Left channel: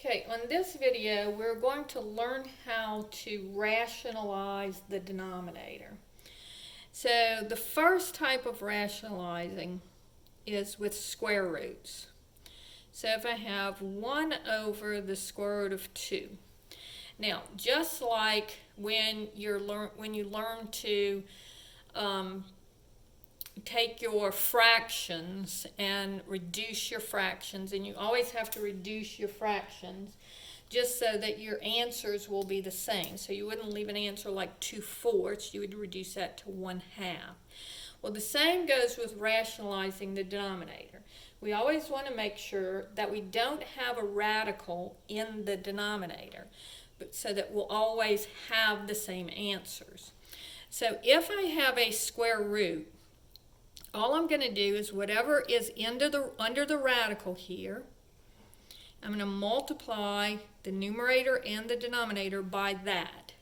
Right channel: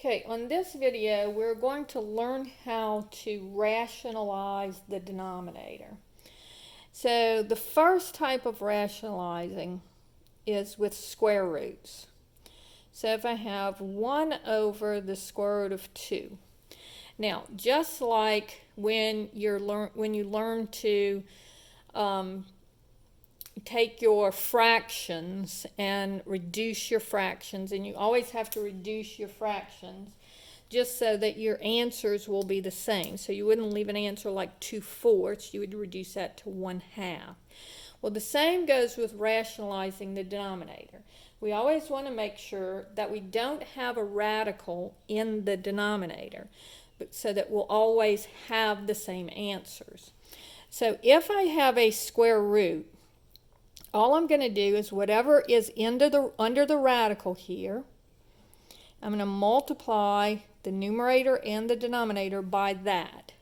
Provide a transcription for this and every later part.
Okay, on this video, we're going to learn how to rationalize the denominator. So the first type of rationalizing is with square roots. So if I have 1 over the square root of 2. Now, just like when you learn to take your fractions and reduce your fractions, and you always have to reduce your fractions just so that your answers will be the same. So you wouldn't leave an answer like 2/4, you would reduce that to 1/2. Well, the same goes with rationalizing the denominator. We always want to make sure that we don't have a radical in the denominator, so that we'll always have the same answers. So if I have a square root, all I'm going to do is whatever is under the radical here, I'm going to multiply the numerator and the denominator by that.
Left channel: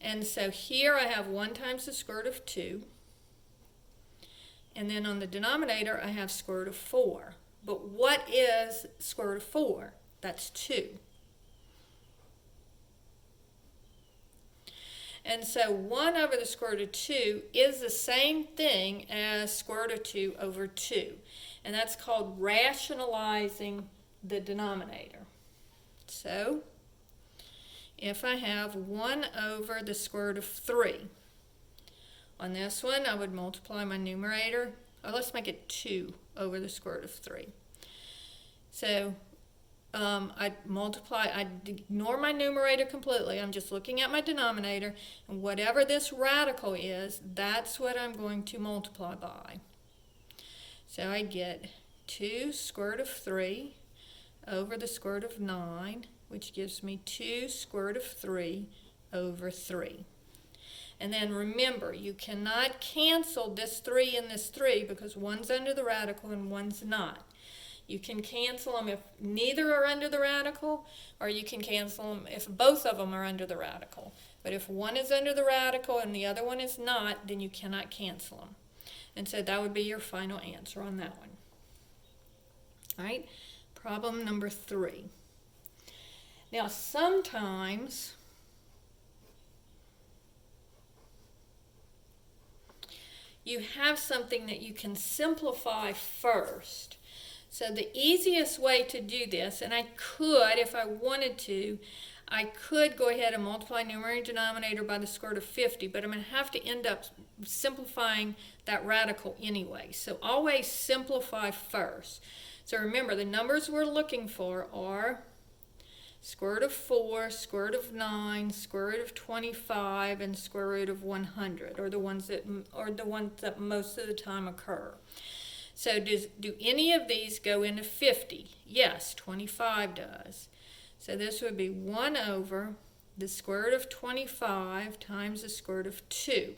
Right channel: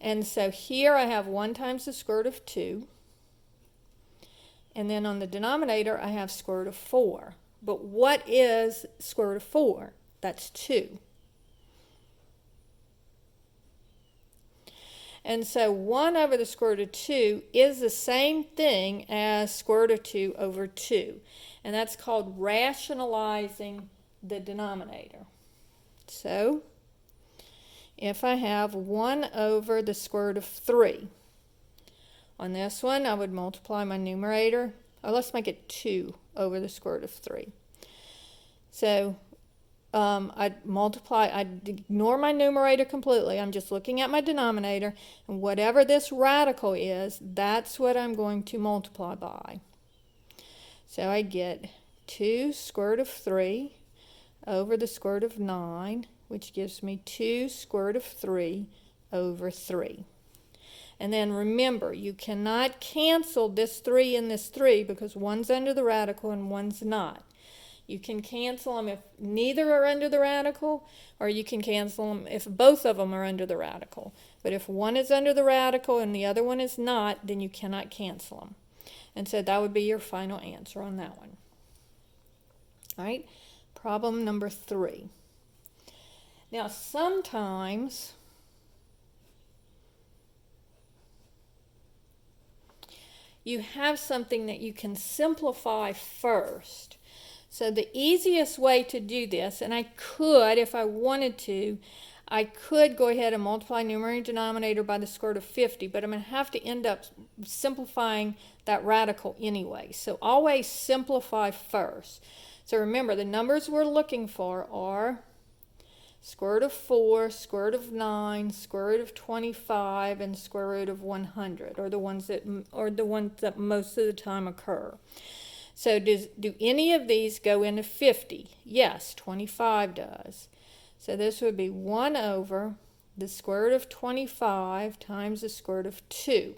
And so here I have 1 times the square root of 2. And then on the denominator I have square root of 4. But what is square root of 4? That's 2. And so 1 over the square root of 2 is the same thing as square root of 2 over 2. And that's called rationalizing the denominator. So if I have 1 over the square root of 3, on this one I would multiply my numerator. Let's make it 2 over the square root of 3. So I'd ignore my numerator completely. I'm just looking at my denominator, and whatever this radical is, that's what I'm going to multiply by. So I get 2 square root of 3 over the square root of 9, which gives me 2 square root of 3 over 3. And then remember, you cannot cancel this 3 and this 3 because one's under the radical and one's not. You can cancel them if neither are under the radical, or you can cancel them if both of them are under the radical. But if one is under the radical and the other one is not, then you cannot cancel them. And so that would be your final answer on that one. All right, problem number 3. Now sometimes you have something that you can simplify first. So the easiest way to do this, and I could, if I wanted to, I could go ahead and multiply numerator and denominator by the square root of 50, but I'm going to have to end up simplifying that radical anyway. So always simplify first. So remember, the numbers we're looking for are square root of 4, square root of 9, square root of 25, and square root of 100, or the ones that most of the time occur. So do any of these go into 50? Yes, 25 does. So this would be 1 over the square root of 25 times the square root of 2.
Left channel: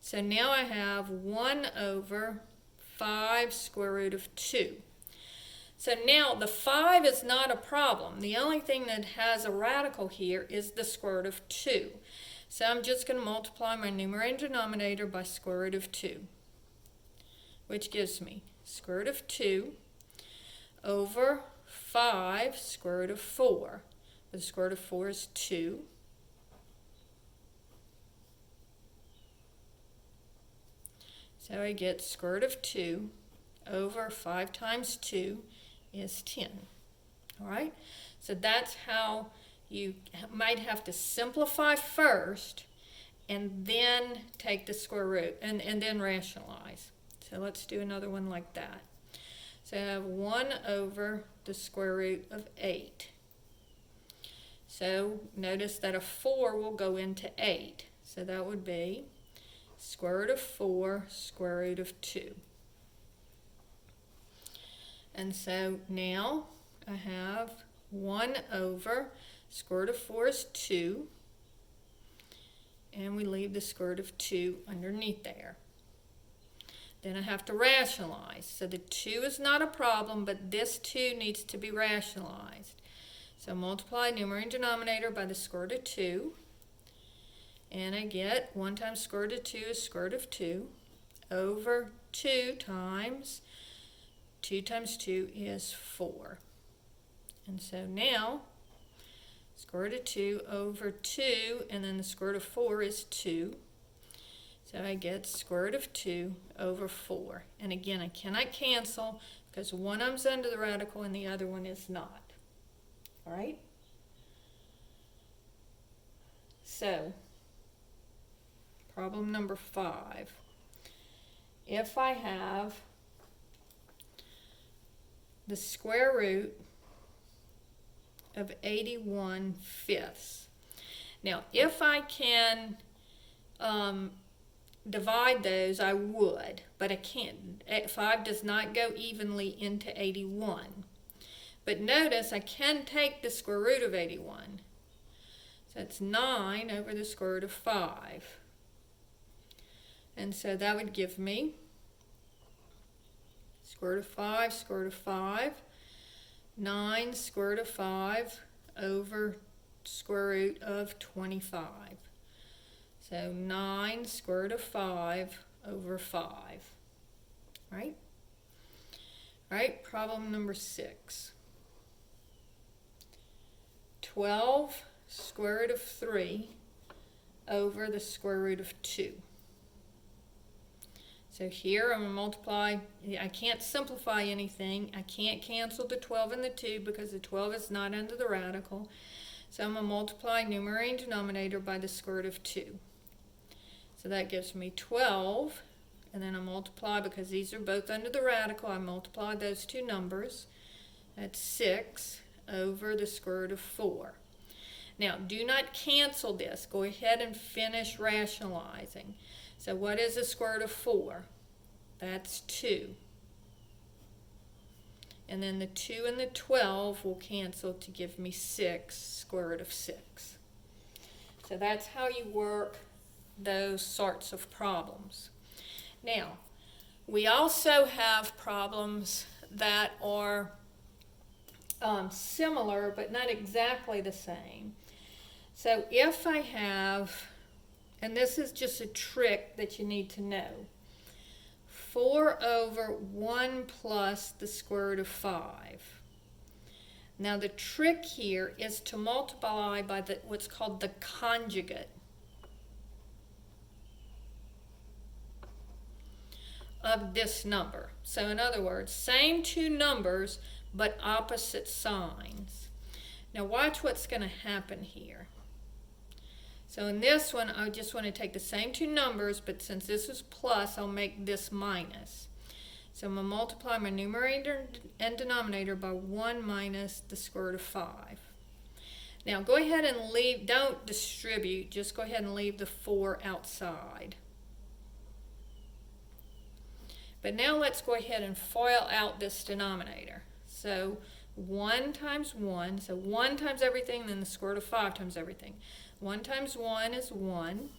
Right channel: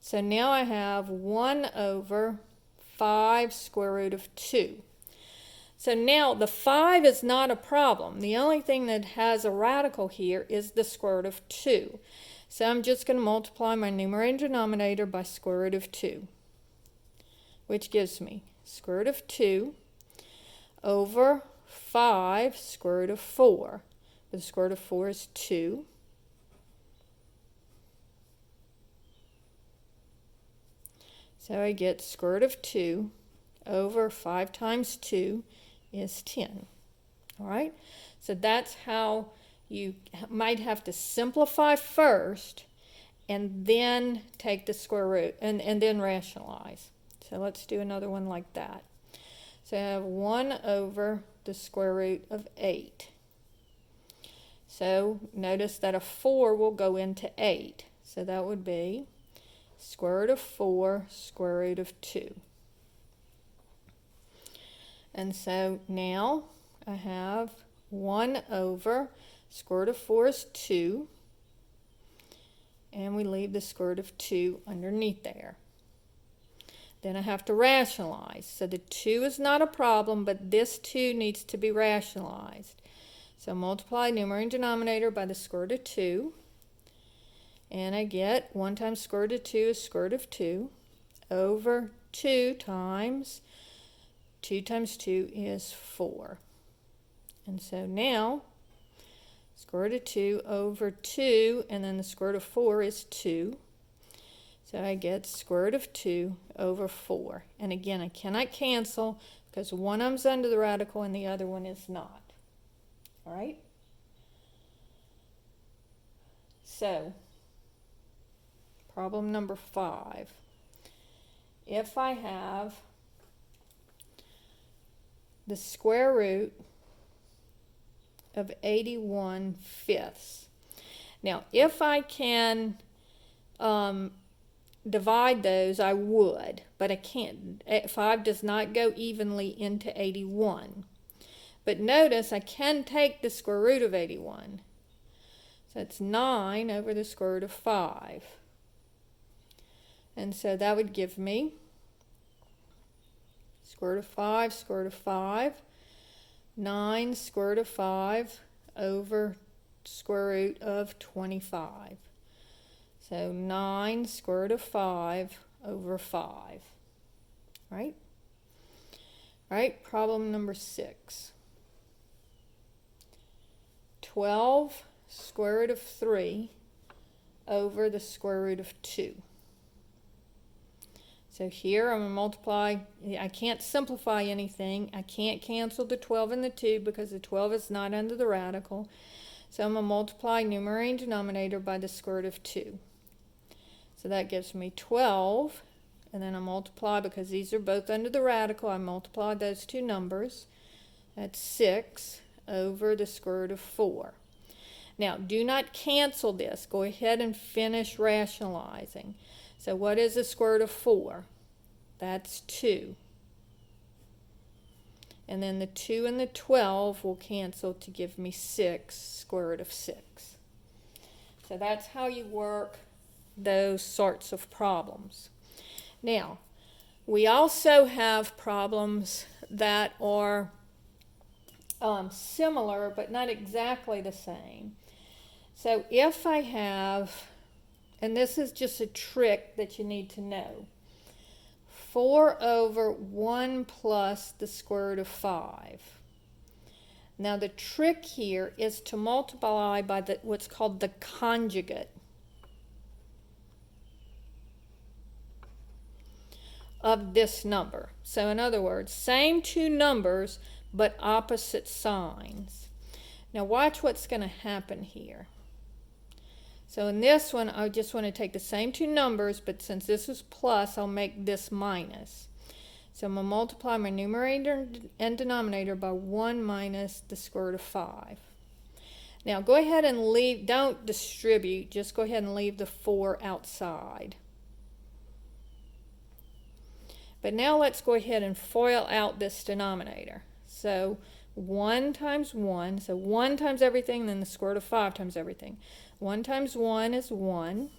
So now I have 1 over 5 square root of 2. So now the 5 is not a problem. The only thing that has a radical here is the square root of 2. So I'm just going to multiply my numerator and denominator by square root of 2. Which gives me square root of 2 over 5 square root of 4. The square root of 4 is 2. So I get square root of 2 over 5 times 2 is 10. All right? So that's how you might have to simplify first and then take the square root and then rationalize. So let's do another one like that. So I have 1 over the square root of 8. So notice that a 4 will go into 8. So that would be square root of 4 square root of 2. And so now I have 1 over square root of 4 is 2. And we leave the square root of 2 underneath there. Then I have to rationalize. So the 2 is not a problem, but this 2 needs to be rationalized. So multiply numerator and denominator by the square root of 2. And I get 1 times square root of 2 is square root of 2 over 2 times 2 is 4. And so now, square root of 2 over 2, and then the square root of 4 is 2. So I get square root of 2 over 4. And again, I cannot cancel because one of them's under the radical and the other one is not. All right? So, problem number 5. If I have the square root of 81/5. Now, if I can divide those, I would, but I can't. 5 does not go evenly into 81. But notice I can take the square root of 81. So it's 9 over the square root of 5. And so that would give me square root of 5, square root of 5, 9 square root of 5 over square root of 25. So 9 square root of 5 over 5. Right? Right, problem number 6. 12 square root of 3 over the square root of 2. So here I'm going to multiply. I can't simplify anything. I can't cancel the 12 and the 2 because the 12 is not under the radical. So I'm going to multiply numerator and denominator by the square root of 2. So that gives me 12. And then I multiply, because these are both under the radical, I multiply those two numbers. That's 6 over the square root of 4. Now, do not cancel this. Go ahead and finish rationalizing. So what is the square root of 4? That's 2. And then the 2 and the 12 will cancel to give me 6, square root of 6. So that's how you work those sorts of problems. Now, we also have problems that are similar but not exactly the same. So if I have, and this is just a trick that you need to know, 4 over 1 plus the square root of 5. Now the trick here is to multiply by what's called the conjugate of this number. So in other words, same two numbers but opposite signs. Now watch what's going to happen here. So in this one, I just want to take the same two numbers, but since this is plus, I'll make this minus. So I'm going to multiply my numerator and denominator by 1 minus the square root of 5. Now go ahead and leave, don't distribute, just go ahead and leave the 4 outside. But now let's go ahead and FOIL out this denominator. So 1 times 1, so 1 times everything, then the square root of 5 times everything. 1 times 1 is 1.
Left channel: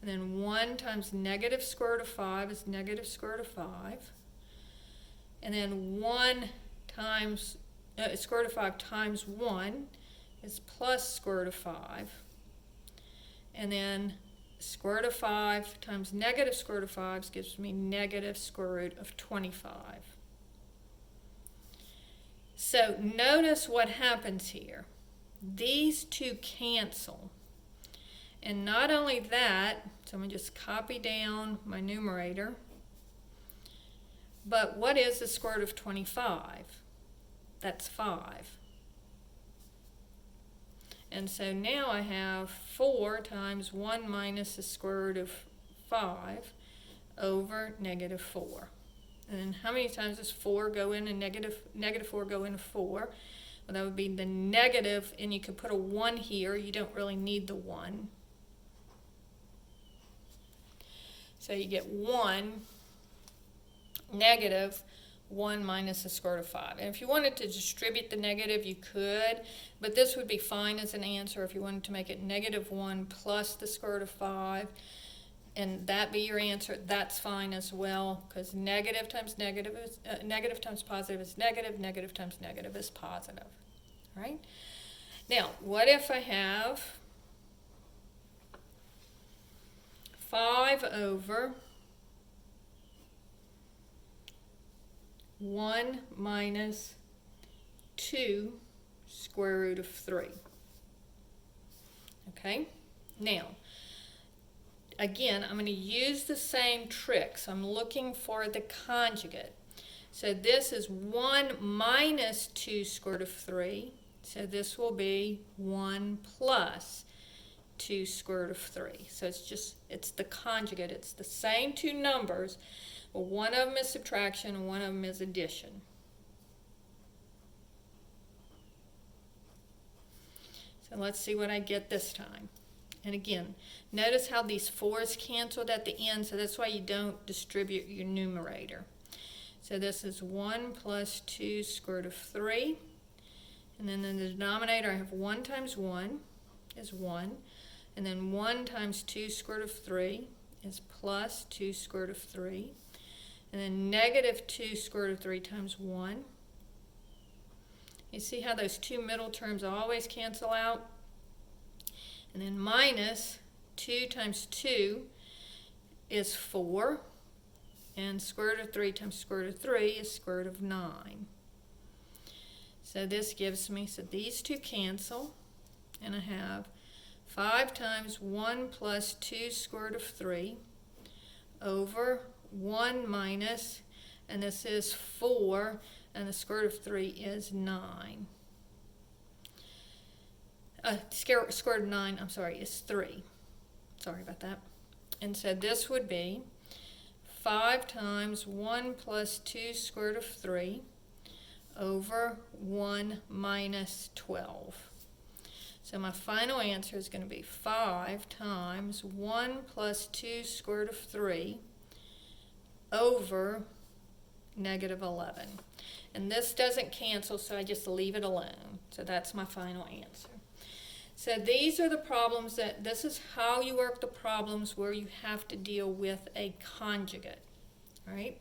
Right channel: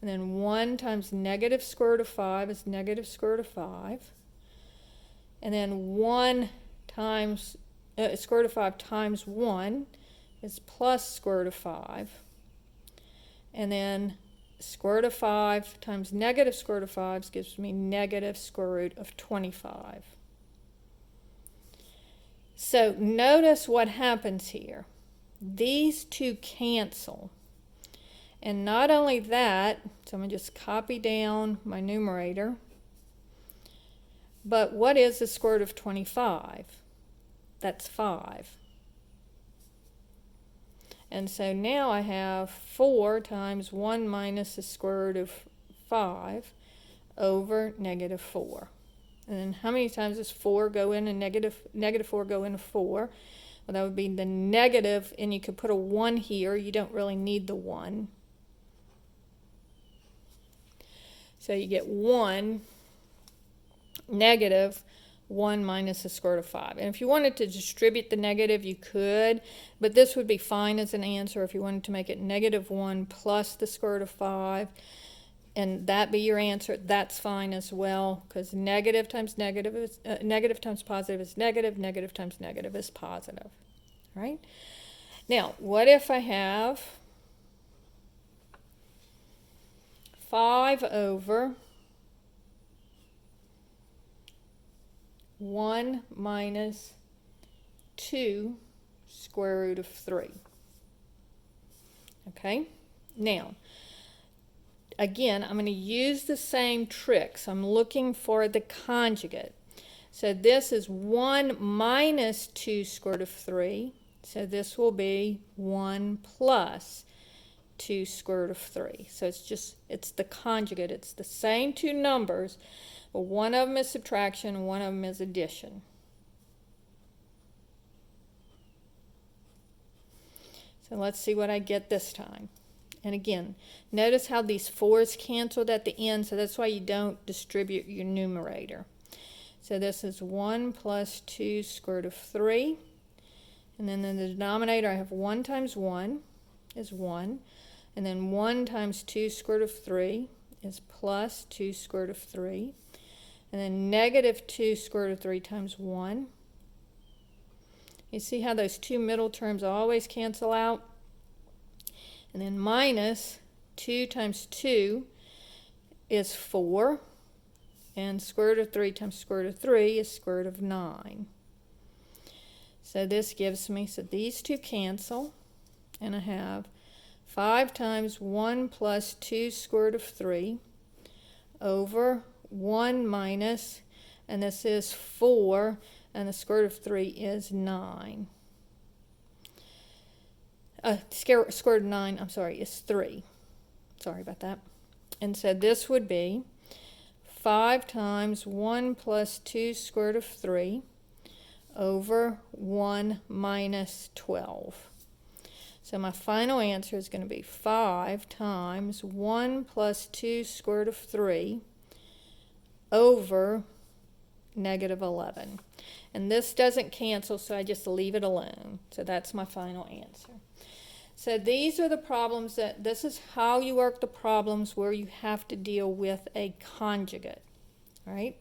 And then 1 times negative square root of 5 is negative square root of 5. And then 1 times square root of 5 times 1 is plus square root of 5. And then square root of 5 times negative square root of 5 gives me negative square root of 25. So notice what happens here. These two cancel. And not only that, so I'm going to just copy down my numerator. But what is the square root of 25? That's 5. And so now I have 4 times 1 minus the square root of 5 over negative 4. And then how many times does 4 go in and negative 4 go into 4? Well, that would be the negative, and you could put a 1 here. You don't really need the 1. So you get 1, negative 1 minus the square root of 5. And if you wanted to distribute the negative, you could, but this would be fine as an answer if you wanted to make it negative 1 plus the square root of 5, and that be your answer. That's fine as well, because negative times negative is negative times positive is negative, negative times negative is positive. Right? Now, what if I have 5 over 1 minus 2 square root of 3. Okay, now again, I'm going to use the same tricks. I'm looking for the conjugate. So this is 1 minus 2 square root of 3. So this will be 1 plus 2 square root of 3. So it's the conjugate. It's the same two numbers, but one of them is subtraction and one of them is addition. So let's see what I get this time. And again, notice how these 4's canceled at the end, so that's why you don't distribute your numerator. So this is 1 plus 2 square root of 3. And then in the denominator, I have 1 times 1 is 1. And then 1 times 2 square root of 3 is plus 2 square root of 3. And then negative 2 square root of 3 times 1. You see how those two middle terms always cancel out? And then minus 2 times 2 is 4. And square root of 3 times square root of 3 is square root of 9. So this gives me, so these two cancel. And I have 5 times 1 plus 2 square root of 3 over 1 minus, and this is 4, and the square root of 3 is 9. Square root of 9, I'm sorry, is 3. Sorry about that. And so this would be 5 times 1 plus 2 square root of 3 over 1 minus 12. So my final answer is going to be 5 times 1 plus 2 square root of 3 over negative 11. And this doesn't cancel, so I just leave it alone. So that's my final answer. So these are the problems this is how you work the problems where you have to deal with a conjugate. All right?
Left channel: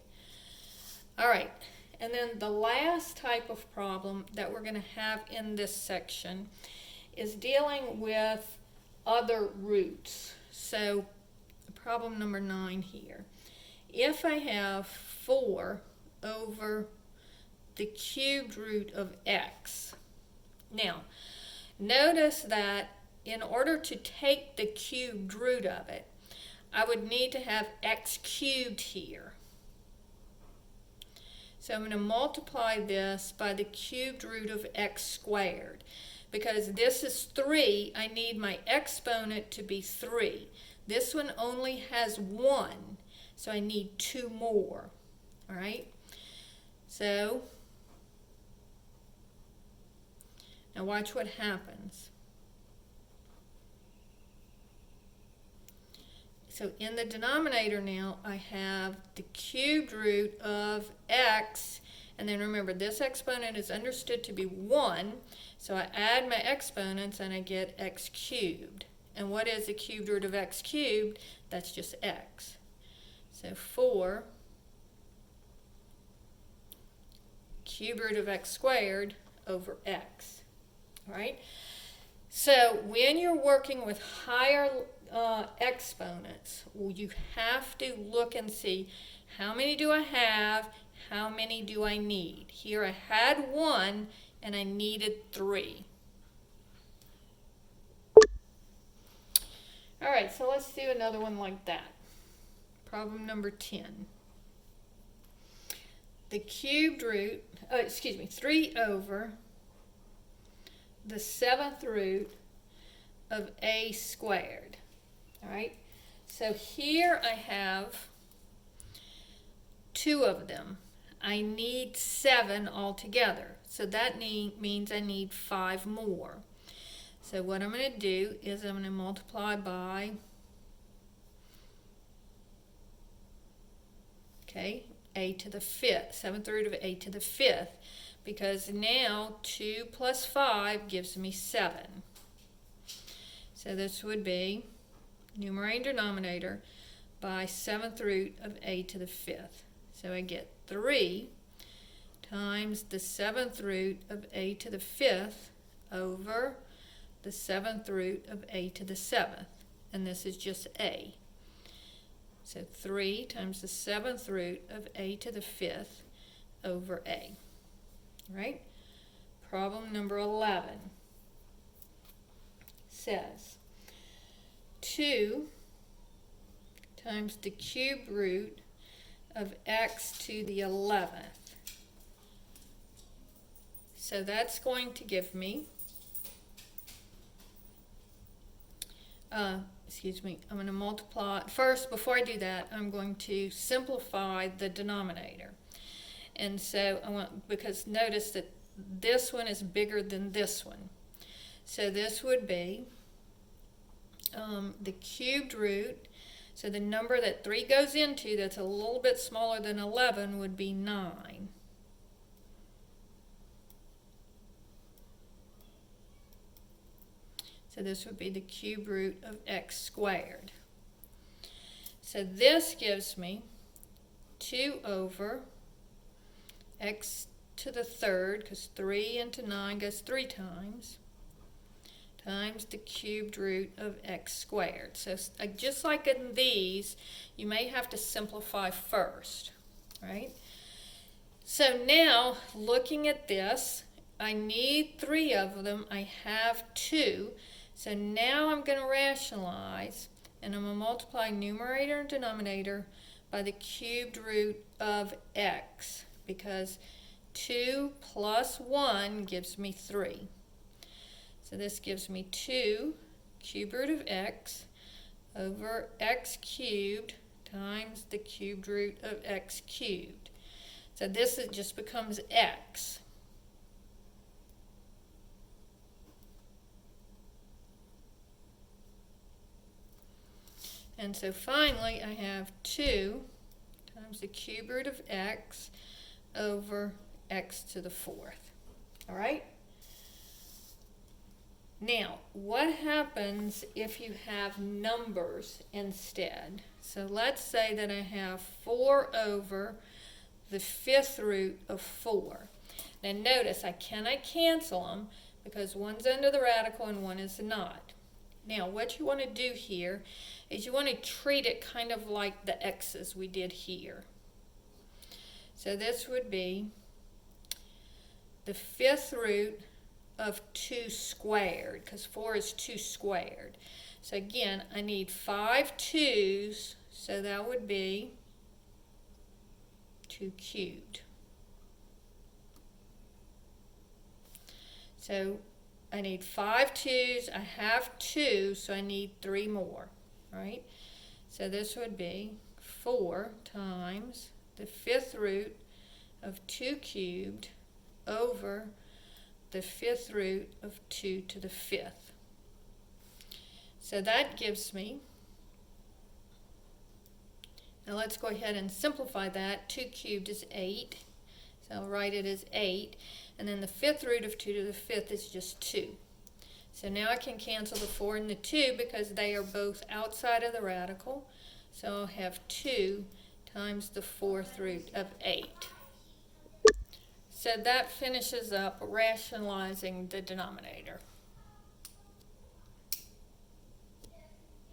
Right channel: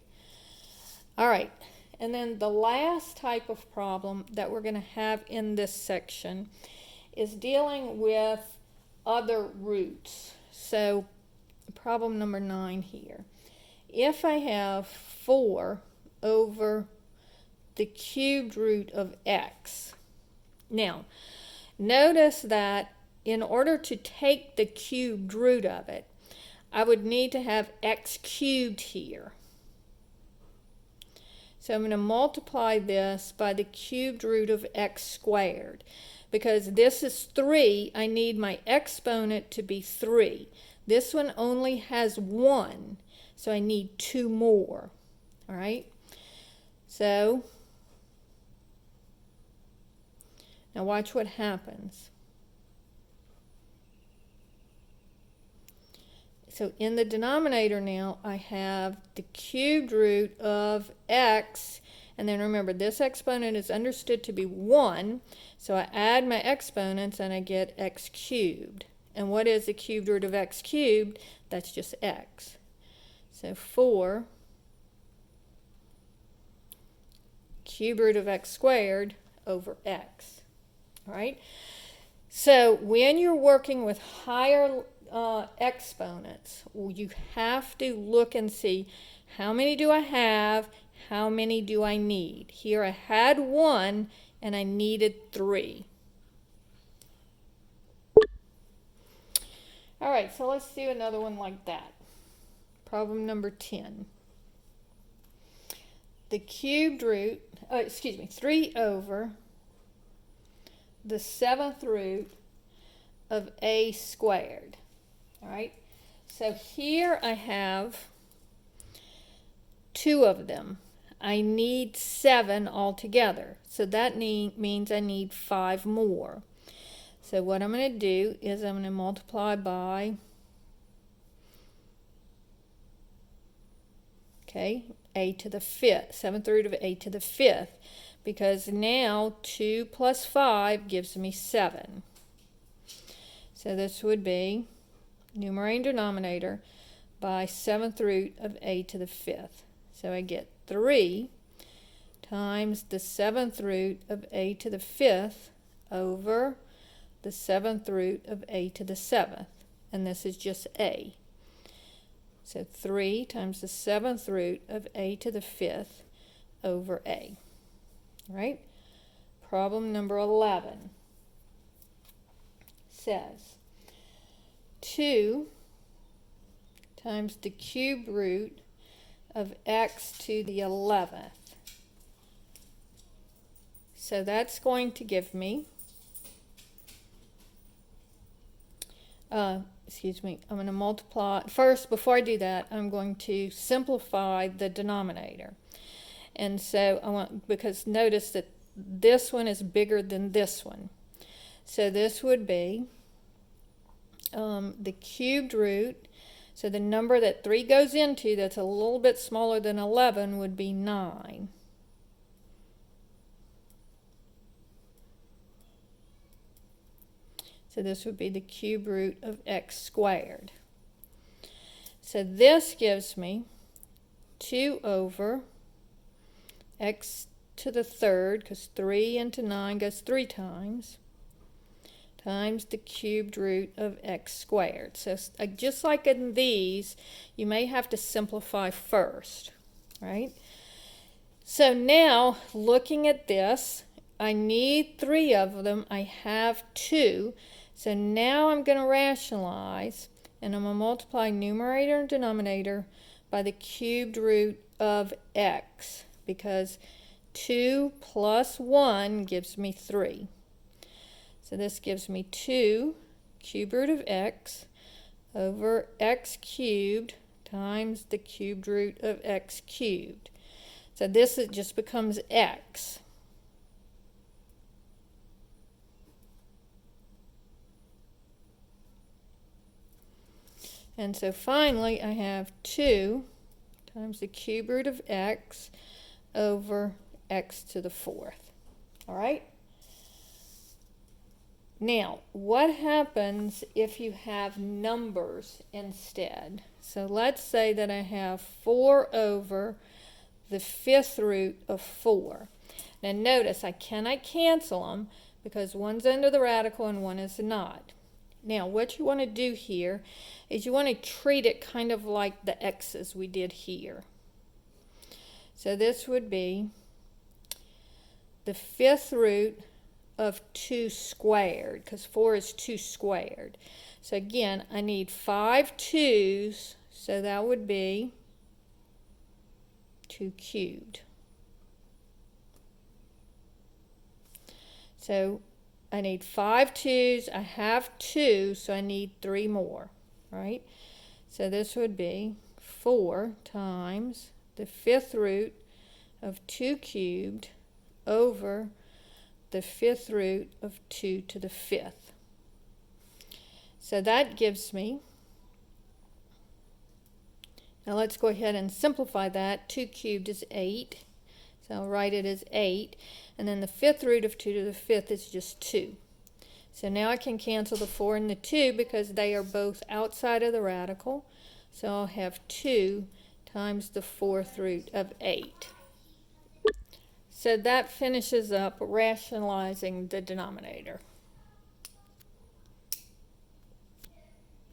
All right. And then the last type of problem that we're going to have in this section is dealing with other roots. So problem number 9 here. If I have 4 over the cubed root of x. Now, notice that in order to take the cubed root of it, I would need to have x cubed here. So I'm going to multiply this by the cubed root of x squared. Because this is 3, I need my exponent to be 3. This one only has 1, so I need 2 more. All right? So, now watch what happens. So in the denominator now, I have the cubed root of x, and then remember, this exponent is understood to be 1, so I add my exponents and I get x cubed. And what is the cubed root of x cubed? That's just x. So 4 cubed root of x squared over x. All right? So when you're working with higher exponents, you have to look and see how many do I have, how many do I need. Here I had 1 and I needed 3. All right, so let's do another one like that. Problem number 10. The cubed root, 3 over the 7th root of a squared. All right, so here I have 2 of them. I need 7 altogether, so that means I need 5 more. So what I'm going to do is I'm going to multiply by, a to the 5th, 7th root of a to the 5th, because now 2 plus 5 gives me 7. So this would be numerator and denominator by 7th root of a to the 5th. So I get 3 times the 7th root of a to the 5th over the 7th root of a to the 7th. And this is just a. So 3 times the 7th root of a to the 5th over a. All right? problem number 11 says 2 times the cube root of x to the 11th. So that's going to give me, I'm going to multiply. First, before I do that, I'm going to simplify the denominator. And so because notice that this one is bigger than this one. So this would be the cubed root. So the number that 3 goes into that's a little bit smaller than 11 would be 9. So this would be the cube root of x squared. So this gives me 2 over x to the third, because 3 into 9 goes 3 times the cubed root of x squared. So just like in these, you may have to simplify first, right? So now, looking at this, I need 3 of them. I have 2. So now I'm going to rationalize, and I'm going to multiply numerator and denominator by the cubed root of x, because 2 plus 1 gives me 3. So this gives me 2 cube root of x over x cubed times the cubed root of x cubed. So this just becomes x. And so finally I have 2 times the cube root of x over x to the 4th. All right? Now, what happens if you have numbers instead? So let's say that I have 4 over the 5th root of 4. Now notice I cannot cancel them because one's under the radical and one is not. Now what you want to do here is you want to treat it kind of like the x's we did here. So this would be the 5th root of 2 squared, because 4 is 2 squared. So again, I need 5 2's, so that would be 2 cubed. So I need 5 2's, I have 2, so I need 3 more, right? So this would be 4 times the 5th root of 2 cubed over the 5th root of 2 to the 5th. So that gives me, now let's go ahead and simplify that. 2 cubed is 8, so I'll write it as 8, and then the 5th root of 2 to the 5th is just 2. So now I can cancel the 4 and the 2 because they are both outside of the radical, so I'll have 2 times the 4th root of 8. So that finishes up rationalizing the denominator.